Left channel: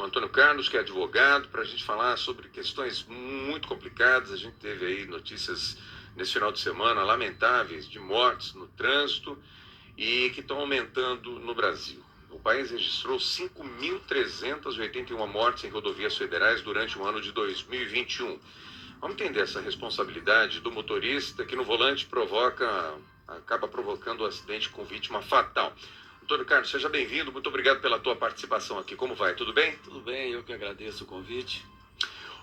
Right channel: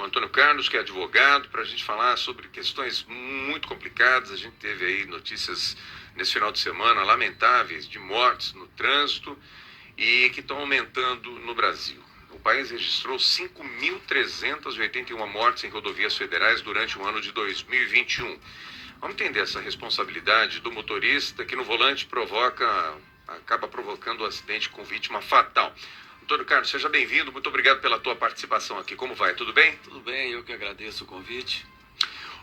o Antônio Carlos, que é advogado, para a gente falar sobre questões muito complicadas. A gente teve aí notícias nesse final de semana lamentáveis de mortes no trânsito e que estão aumentando no Brasil. O país registrou 5.381 mortes em rodovias federais durante o ano de 2021. Vamos entender essa responsabilidade do motorista que no volante acaba provocando um acidente com vítima fatal. Antônio Carlos, seja bem-vindo, muito obrigado pela tua participação aqui. Como vai? Tudo bem? Tudo bem, eu que agradeço o convite.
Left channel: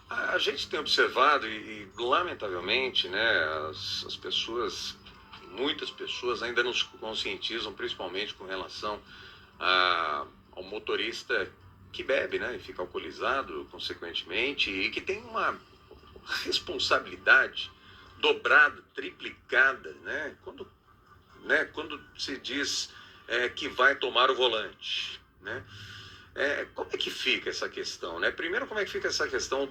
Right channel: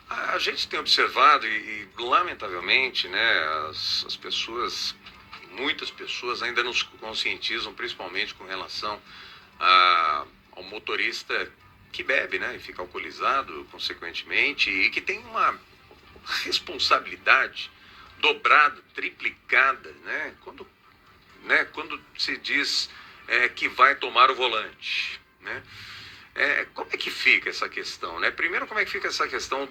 A gente tem observado e lamentavelmente, né, as pessoas, muitas pessoas ainda não se conscientizam, principalmente com relação ao motorista que bebe, né, e fica alcoolizado, consequentemente, e que tem uma responsabilidade dobrada, triplicada, né, quando se diz que vai tomar o volante, né? Como é que fica essa questão, né? Primeiro, como é que fica essa questão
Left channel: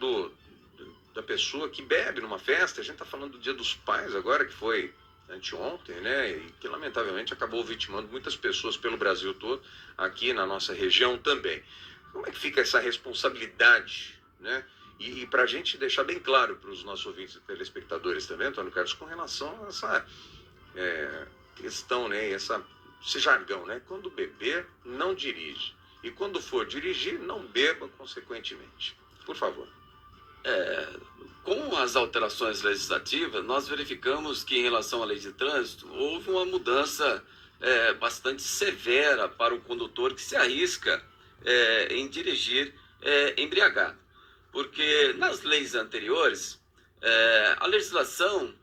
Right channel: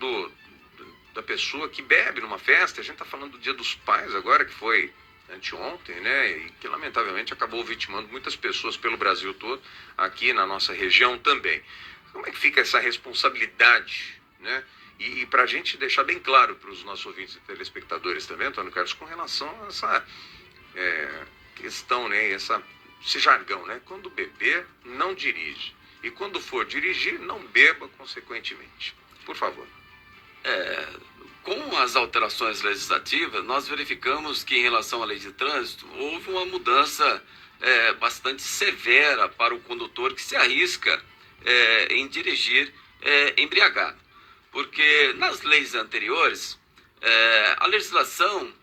da pessoa que bebe numa festa? A gente está falando do Dia dos Pais agora, que foi anteontem, né? E que lamentavelmente acabou vitimando muitas pessoas pelo Brasil todo, aqui na nossa região também. Como é que fica essa responsabilidade, né? E para a gente deixar bem claro para os nossos ouvintes e telespectadores também, Antônio Carlos, com relação a essa questão, né? Esse jargão, né? Quando beber, não dirige. E quando for dirigir, não beba consequentemente. Por favor. Com as alterações legislativas, nós verificamos que em relação à lei de trânsito, houve uma mudança bastante severa para o condutor que se arrisca em dirigir embriagado. Porque nas leis anteriores, a legislação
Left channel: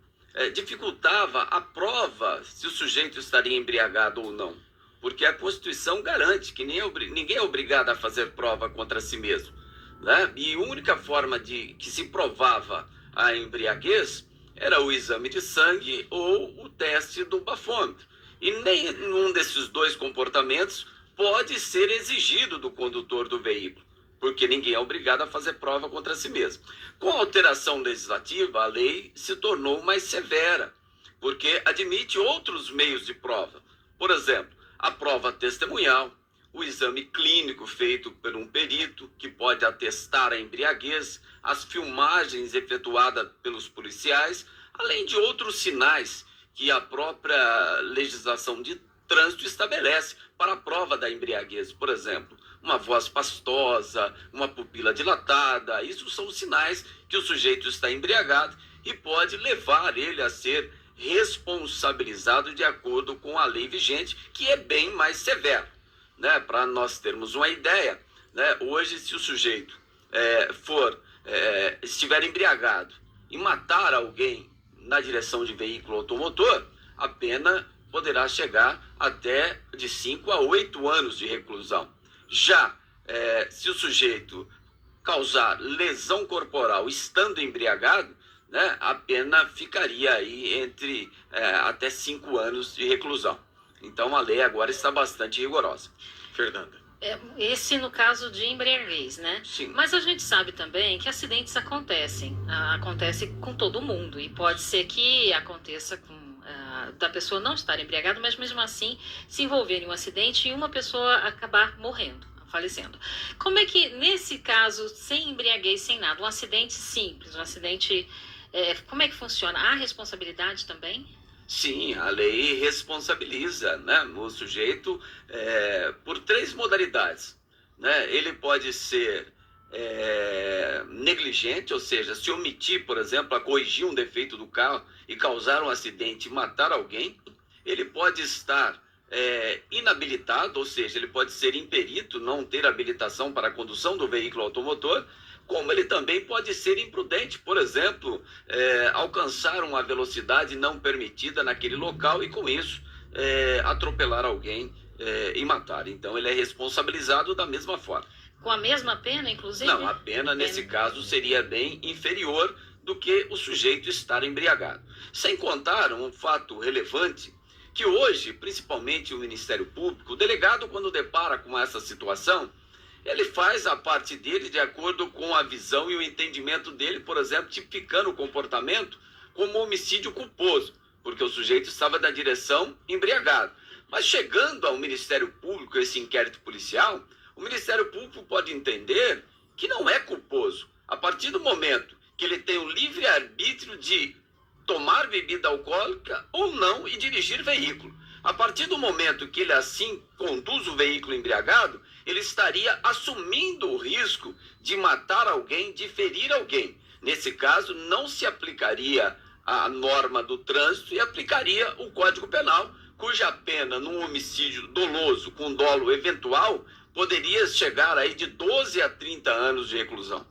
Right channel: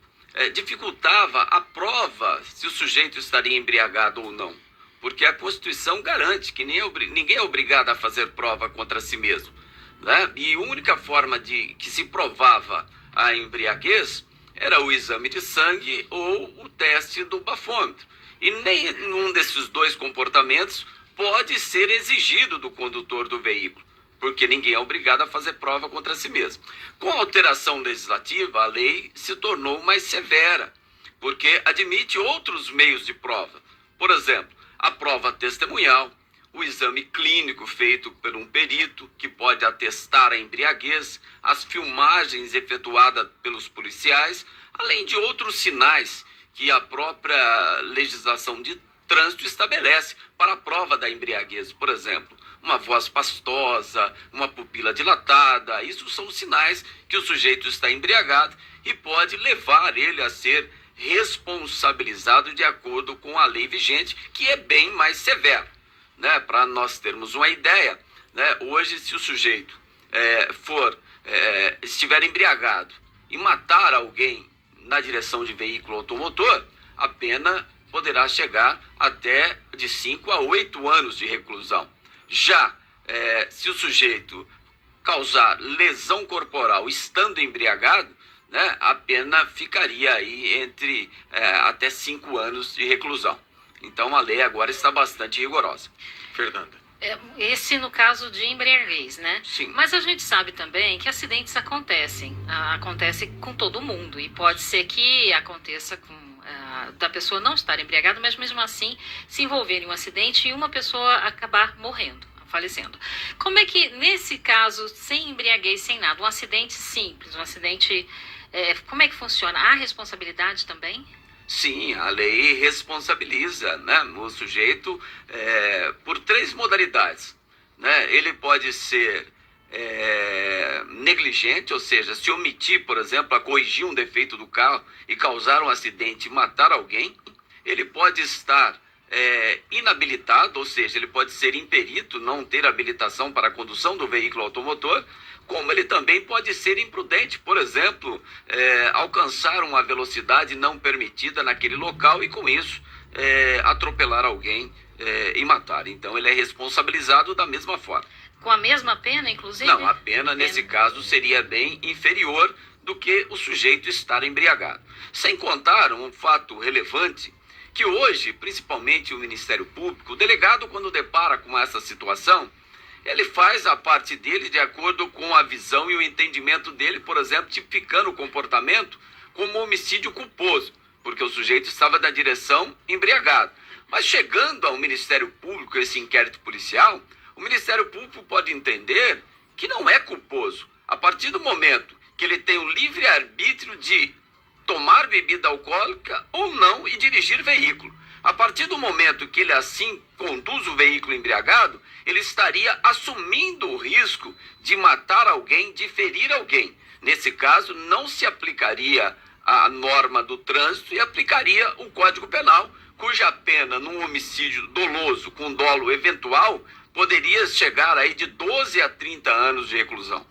dificultava a prova se o sujeito estaria embriagado ou não. Porque a Constituição garante que ninguém é obrigado a fazer prova contra si mesmo, né? E a única forma de que se provava a embriaguez era o exame de sangue ou o teste do bafômetro. E nenhum desses dois comportamentos pode ser exigido do condutor do veículo, porque ninguém é obrigado a fazer prova contra si mesmo. Com a alteração legislativa, a lei se tornou mais severa, porque admite outros meios de prova. Por exemplo, a prova testemunhal, o exame clínico feito por um perito, que pode atestar a embriaguez, as filmagens efetuadas pelos policiais, além de outros sinais que a própria legislação de trânsito estabelece para a prova da embriaguez. Por exemplo, uma voz pastosa, uma pupila dilatada, isso são sinais que o sujeito está embriagado e pode levar ele a ser responsabilizado de acordo com a lei vigente, que é bem mais severa, né? Para nós termos uma ideia, né? Hoje, se o sujeito estiver embriagado e matar alguém na direção de veículo automotor, a pena poderá chegar até de 5 a 8 anos de reclusão. Já se o sujeito causar lesão corporal estando embriagado, né, a pena ficaria aí entre até 5 anos de reclusão. Então a lei agora está bastante rigorosa. Fernanda. Esse no caso de embriaguez, né? Sim. Mas a gente sabe também que acidentes acontecem. Acontece com todo mundo. E pode ser que aconteça da pessoa não estar embriagada, mas mesmo assim se envolver em um acidente e uma pessoa acabar morrendo, falecendo. Como é que, nesse caso, sem embriaguez, sem nada, um acidente simples, um acidente... como é que funciona? Há responsabilidade também? Sim, a lei responsabiliza, né, o sujeito por 3 modalidades, né? Ele pode ser negligente, ou seja, se omitir, por exemplo, a corrigir um defeito do carro e causar um acidente e matar alguém. Ele pode estar inabilitado, ou seja, ele pode ser imperito, não ter habilitação para a condução do veículo automotor, como ele também pode ser imprudente, por exemplo, alcançar uma velocidade não permitida naquele local e com isso atropelar alguém e matar. Então ele é responsabilizado da mesma forma. Com a mesma pena, inclusive? Não, a pena nesse caso seria bem inferior do que o sujeito estar embriagado. Sem contar um fato relevante, que hoje, principalmente o Ministério Público, o delegado, quando depara com essa situação, ele faz a parte dele de acordo com a visão e o entendimento dele, por exemplo, tipificando o comportamento como homicídio culposo, porque o sujeito estava na direção embriagado. Mas chegando ao Ministério Público, esse inquérito policial, o Ministério Público pode entender que não é culposo. A partir do momento que ele tem o livre-arbítrio de tomar bebida alcoólica ou não e dirigir veículo. A partir do momento que ele assim conduz o veículo embriagado, ele estaria assumindo o risco de matar alguém, de ferir alguém. Nesse caso, não se aplicaria a norma do trânsito e aplicaria o Código Penal, cuja pena num homicídio doloso com dolo eventual poderia chegar aí de 12 a 30 anos de reclusão.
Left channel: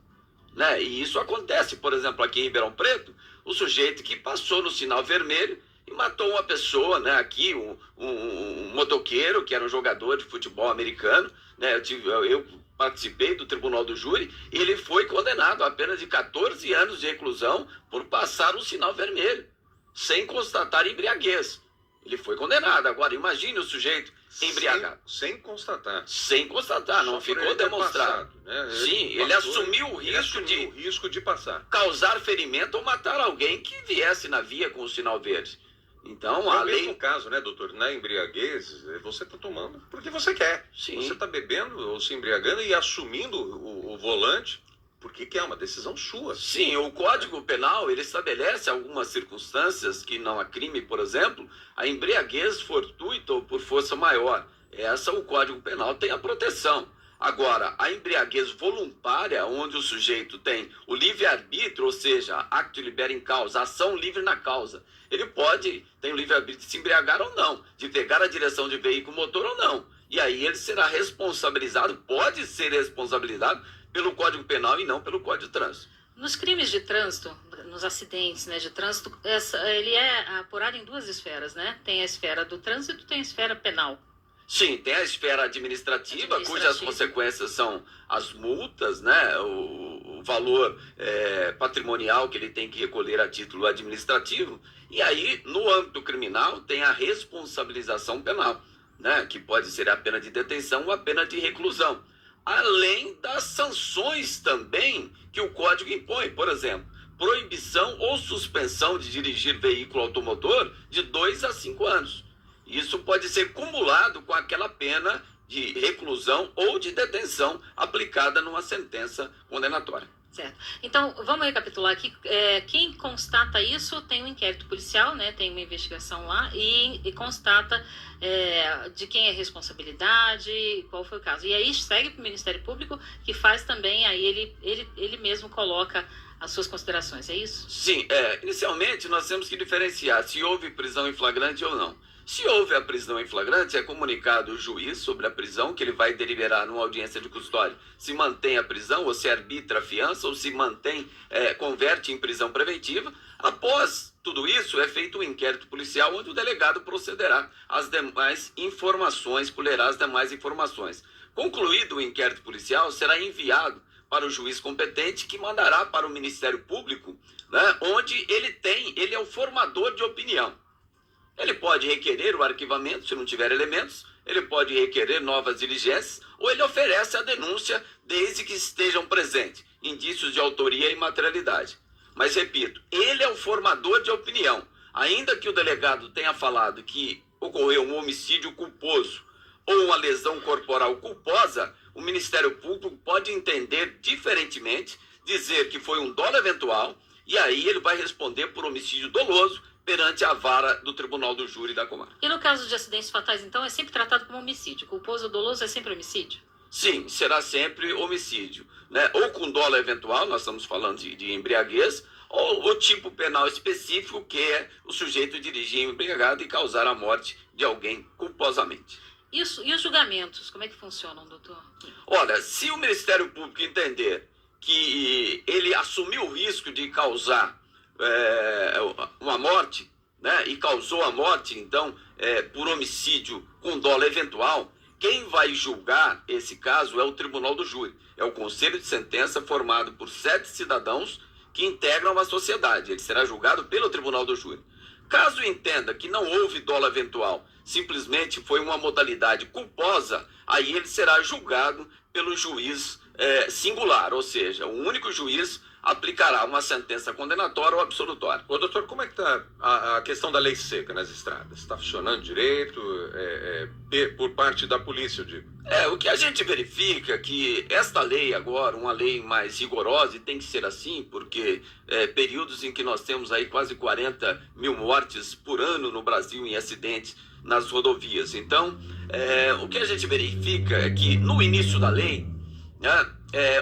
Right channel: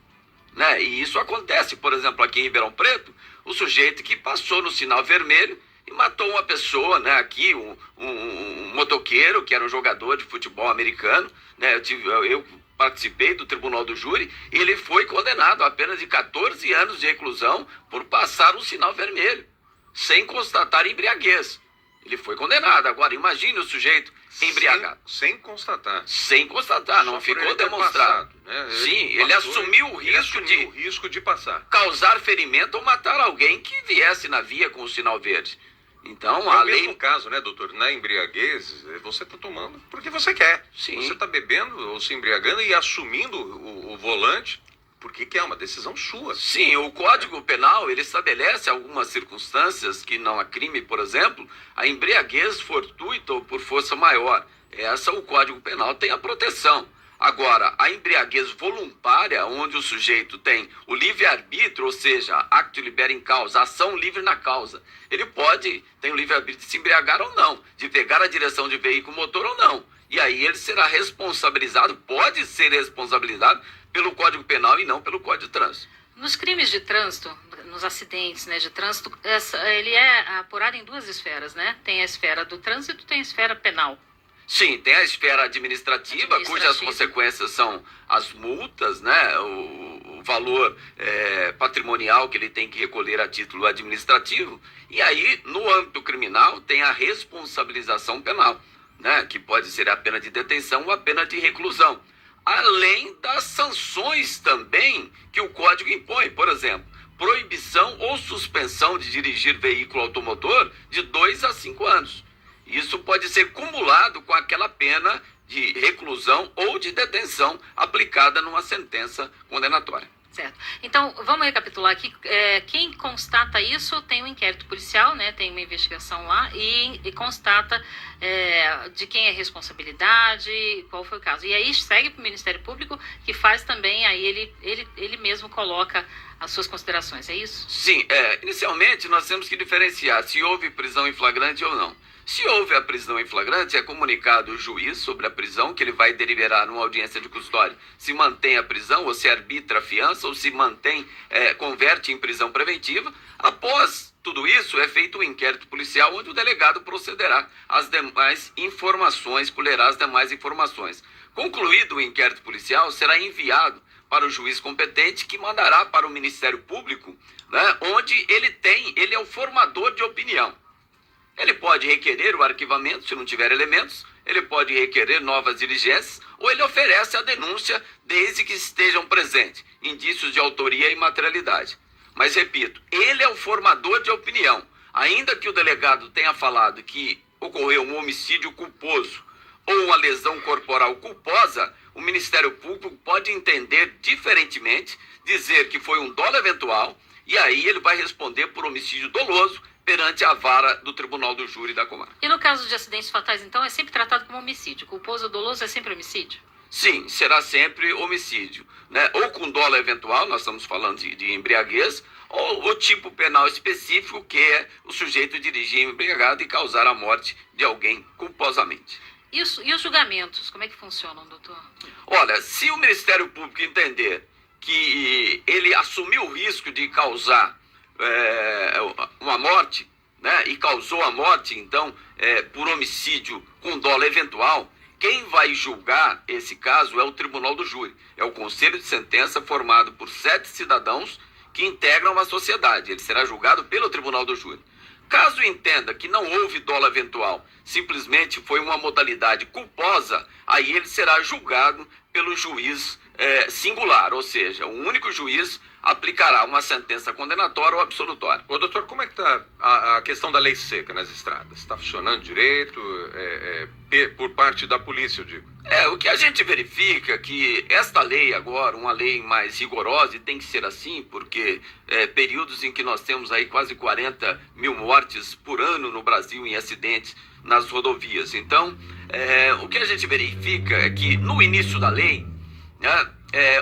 Né? E isso acontece, por exemplo, aqui em Ribeirão Preto, o sujeito que passou no sinal vermelho e matou uma pessoa, né? Aqui, um motoqueiro, que era um jogador de futebol americano, né? Eu participei do tribunal do júri, e ele foi condenado a apenas de 14 anos de reclusão por passar um sinal vermelho, sem constatar embriaguez. Ele foi condenado. Agora, imagine o sujeito embriagado. Sem constatar. Sem constatar, não ficou demonstrado. Passado, né? Sim, ele assumiu o risco de passar. Causar ferimento ou matar alguém que viesse na via com o sinal verde. Então, a lei... mesmo caso, né, doutor? Na embriaguez, você está tomando porque você quer. Sim. Você está bebendo ou se embriagando e assumindo o volante porque é uma decisão sua. Sim, o Código Penal, ele estabelece algumas circunstâncias que não há crime, por exemplo, a embriaguez fortuita ou por força maior. O Código Penal tem a proteção. Agora, a embriaguez voluntária, onde o sujeito tem o livre-arbítrio, ou seja, acto libera em causa, ação livre na causa. Ele tem o livre-arbítrio de se embriagar ou não, de pegar a direção de veículo motor ou não. E aí ele será responsabilizado, pode ser responsabilizado pelo Código Penal e não pelo Código de Trânsito. Nos crimes de trânsito, nos acidentes, né, de trânsito, ele é apurado em duas esferas, né? Tem a esfera do trânsito, tem a esfera penal. Sim, tem a esfera administrativa, cujas consequências são as multas, né? O valor patrimonial que ele tem que recolher a título administrativo. E aí, no âmbito criminal, tem a responsabilização penal, né? Que pode ser a pena de detenção ou a pena de reclusão. Além das sanções também que o Código impõe, por exemplo, proibição ou suspensão de dirigir veículo automotor de 2 a 5 anos. Isso pode ser cumulado com aquela pena de reclusão ou de detenção aplicada numa sentença condenatória. Certo. Então, vamos recapitular aqui. Quem constata isso tem um inquérito policial, né? Tem uma investigação lá e constata de quem é a responsabilidade, qual foi o caso. E aí segue para o Ministério Público, que faz também, aí ele mesmo coloca as suas considerações, é isso? Sim, inicialmente nós temos que diferenciar se houve prisão em flagrante ou não. Se houve a prisão em flagrante, é comunicado o juiz sobre a prisão, que ele vai deliberar numa audiência de custódia se mantém a prisão, ou se arbitra a fiança, ou se mantém, converte em prisão preventiva. Após tudo isso, é feito um inquérito policial, onde o delegado procederá às demais informações, colherá as demais informações. Concluído o inquérito policial, será enviado para o juiz competente, que mandará para o Ministério Público, né, onde ele é o formador de opinião. Ele pode requerer o arquivamento, se não tiver elementos, ele pode requerer novas diligências, ou ele oferece a denúncia desde que estejam presentes indícios de autoria e materialidade. Mas, repito, ele é o formador de opinião. Ainda que o delegado tenha falado que ocorreu um homicídio culposo ou uma lesão corporal culposa, o Ministério Público pode entender diferentemente, dizer que foi um dolo eventual, e aí ele vai responder por homicídio doloso perante a vara do Tribunal do Júri da Comarca. E no caso de acidentes fatais, então, é sempre tratado como homicídio? Culposo ou doloso é sempre homicídio? Sim, será sempre homicídio, né? Ou com dolo eventual, nós estamos falando de embriaguez, ou o tipo penal específico, que é o sujeito dirigir embriagado e causar a morte de alguém culposamente. E os julgamentos, como é que funcionam, doutor? Olha, se o Ministério Público entender que ele assumiu o risco de causar uma morte, né, e causou a morte, então, por homicídio com dolo eventual, quem vai julgar esse caso é o Tribunal do Júri. É o Conselho de Sentença formado por 7 cidadãos que integram a sociedade. Ele será julgado pelo Tribunal do Júri. Caso entenda que não houve dolo eventual, simplesmente foi uma modalidade culposa, aí ele será julgado pelo juiz singular, ou seja, o único juiz aplicará uma sentença condenatória ou absolutória. Ô, doutor, como é que está a questão da lei seca nas estradas? Está funcionando direito por parte da polícia, eu digo? O que a gente verifica é que esta lei agora, uma lei mais rigorosa, e tem que ser assim, porque períodos em que nós temos aí quase 40 mil mortes por ano no Brasil em acidentes nas rodovias. Então, o que a gente verifica é que no início da lei,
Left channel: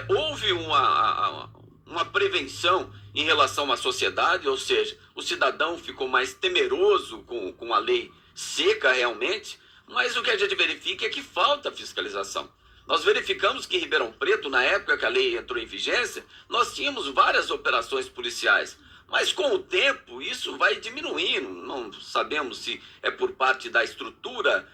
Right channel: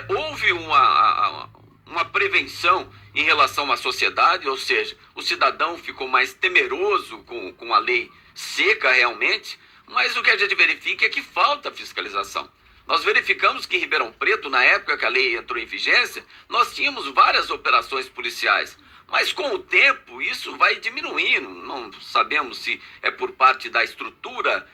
houve uma prevenção em relação à sociedade, ou seja, o cidadão ficou mais temeroso com a lei seca realmente, mas o que a gente verifica é que falta fiscalização. Nós verificamos que em Ribeirão Preto, na época que a lei entrou em vigência, nós tínhamos várias operações policiais, mas com o tempo isso vai diminuindo, não sabemos se é por parte da estrutura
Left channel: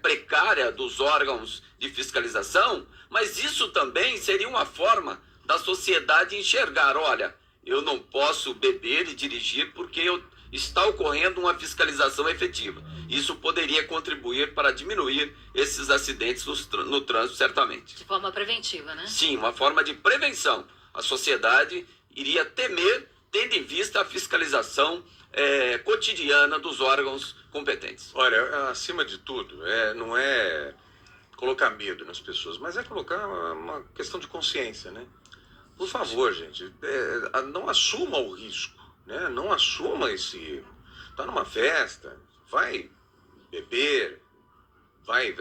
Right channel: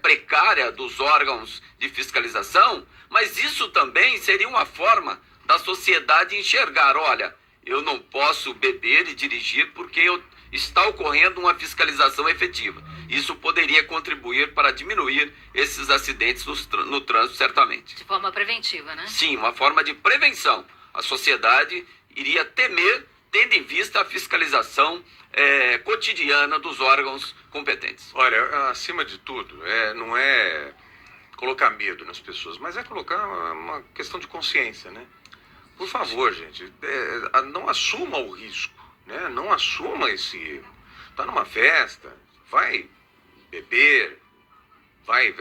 precária dos órgãos de fiscalização, mas isso também seria uma forma da sociedade enxergar, olha, eu não posso beber e dirigir porque está ocorrendo uma fiscalização efetiva. Isso poderia contribuir para diminuir esses acidentes no trânsito, certamente. De forma preventiva, né? Sim, uma forma de prevenção. A sociedade iria temer, tendo em vista a fiscalização cotidiana dos órgãos competentes. Olha, acima de tudo, não é colocar medo nas pessoas, mas é colocar uma questão de consciência, né? Por favor, gente, não assuma o risco, né? Não assuma esse erro. Está numa festa, vai beber, vai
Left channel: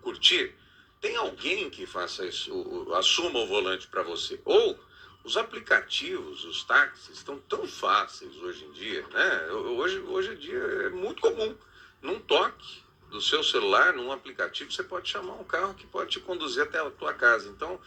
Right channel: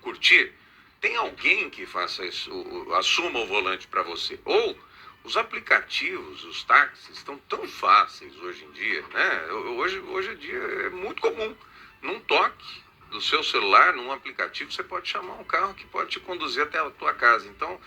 curtir. Tem alguém que faça isso, assuma o volante para você. Ou os aplicativos, os táxis, estão tão fáceis hoje em dia, né? Hoje em dia é muito comum. Num toque do seu celular, num aplicativo, você pode chamar um carro que pode te conduzir até a tua casa. Então,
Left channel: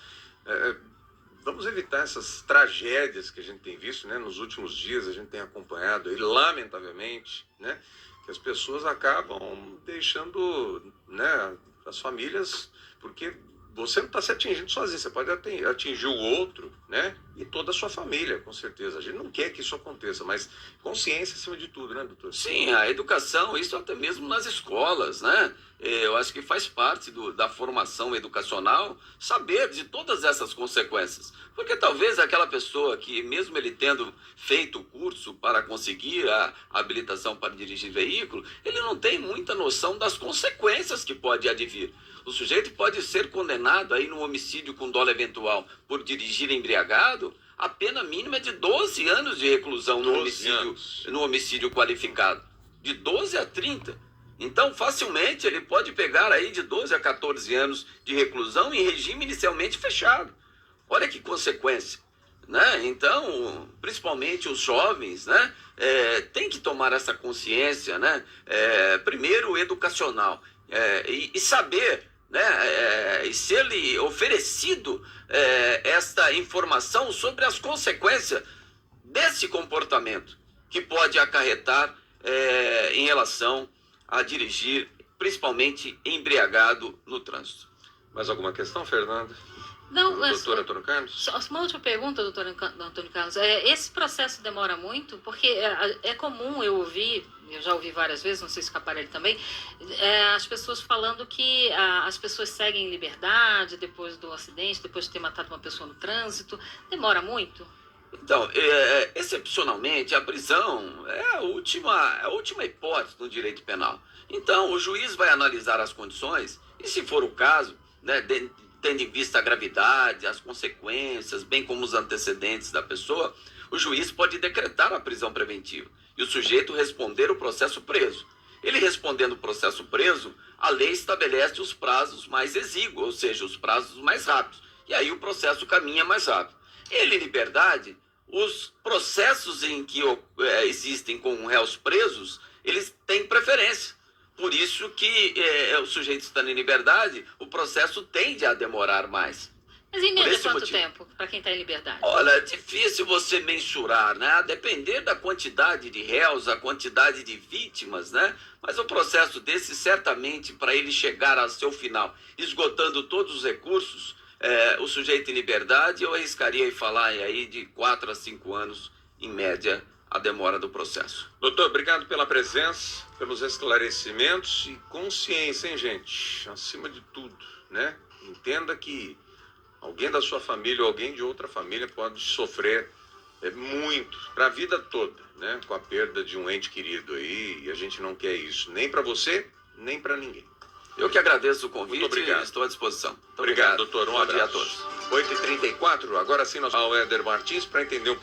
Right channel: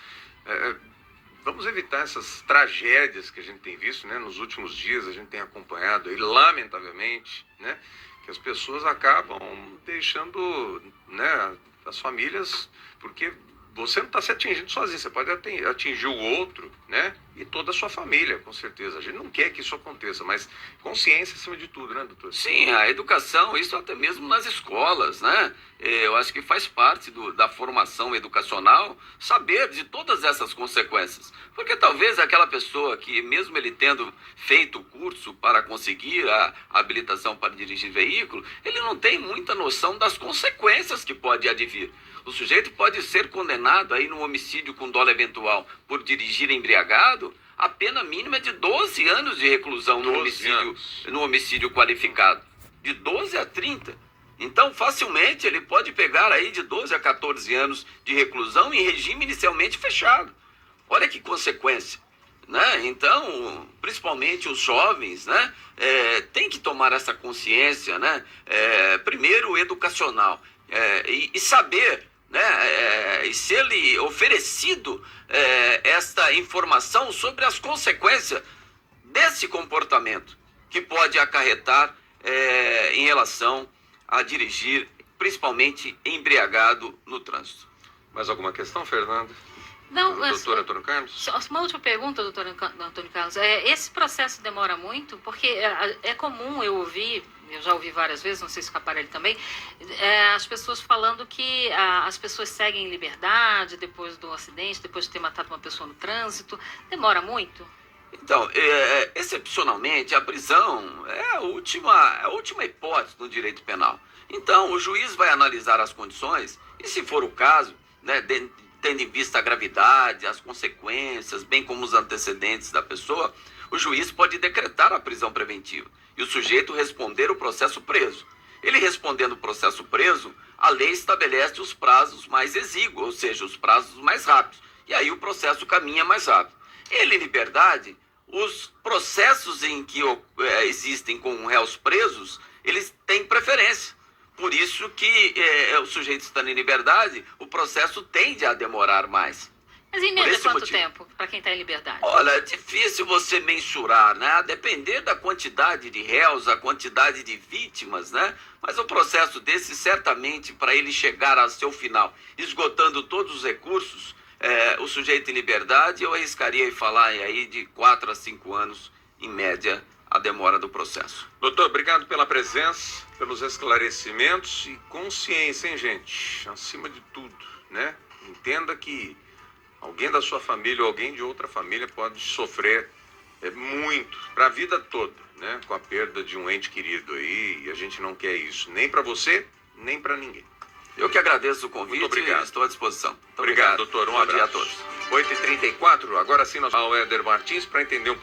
vamos evitar essas tragédias que a gente tem visto, né? Nos últimos dias a gente tem acompanhado aí, lamentavelmente, né? Que as pessoas acabam deixando, né, as famílias, porque você não está se atingindo sozinho, você pode atingir o outro, né? E toda a sua família, com certeza. A gente não quer que isso aconteça, mas consciência acima de tudo, né, doutor? Sim, a educação, isso até mesmo nas escolas, né? Eu acho que faz parte da formação educacional saber de todas essas consequências. Porque talvez aquela pessoa que, mesmo ele tendo feito o curso para conseguir a habilitação para dirigir veículo, ele não tem muita noção das consequências que pode advir. O sujeito pode ser condenado aí no homicídio com dolo eventual por dirigir embriagado, a pena mínima é de 12 anos de reclusão no homicídio qualificado. De 12 a 30. Então, facilmente, ele pode pegar aí de 12 a 14 anos de reclusão em regime inicialmente fechado. Olha que consequência, né? Então, principalmente os jovens, né, tem que tomar essa consciência, né? Primeiro, educacional, e saber, né, e ser-lhe oferecido esta informação sobre as consequências desse comportamento que pode acarretar em relação a dirigir, principalmente embriagado no trânsito. Mais alguma questão, Fernanda? Não, doutor Antônio Carlos? Só uma última pergunta, doutor Antônio Carlos. Esse processo demora muito? Porque é comum eu já ouvi várias vezes, não sei se com o aparelho também, as pessoas falando que as pessoas seguem em liberdade depois do acidente, depois de ter matado uma pessoa no trânsito. Demora muito? Então, excepcionalmente, a prisão é a última hipótese no direito penal. Então, o juiz vai analisar as condições e, se for o caso, né, tendo em vista a gravidade, as consequências, bem como os antecedentes da pessoa, o juiz pode decretar a prisão preventiva e o sujeito responder o processo preso. Ele respondendo o processo preso, a lei estabelece os prazos mais exíguos, ou seja, os prazos mais rápidos. E aí o processo caminha mais rápido. Ele, em liberdade, os processos em que existem com réus presos, eles têm preferência. Por isso que o sujeito estando em liberdade, o processo tende a demorar mais. Mas em média quanto tempo para quem está em liberdade? Olha, é difícil você mensurar, né? A depender da quantidade de réus, a quantidade de vítimas, né? Mas o processo desse, certamente, para ele chegar ao seu final, esgotando todos os recursos, o sujeito em liberdade, eu arriscaria em falar aí de 4 a 5 anos, em média, a demora do processo. Doutor, obrigado pela presença, pelos esclarecimentos e consciência, hein, gente? Acima de tudo, né? Entenda que Alguém da sua família ou alguém de outra família pode sofrer muito, para a vida toda, né? Com a perda de um ente querido aí, e a gente não quer isso, nem para você, nem para ninguém. Eu que agradeço o convite. Muito obrigado. E estou à disposição. Muito Obrigado, doutor. Um Bom dia a abraço. todos. 8h34, agora sim nós vamos ao Éder Martins para entender um pouco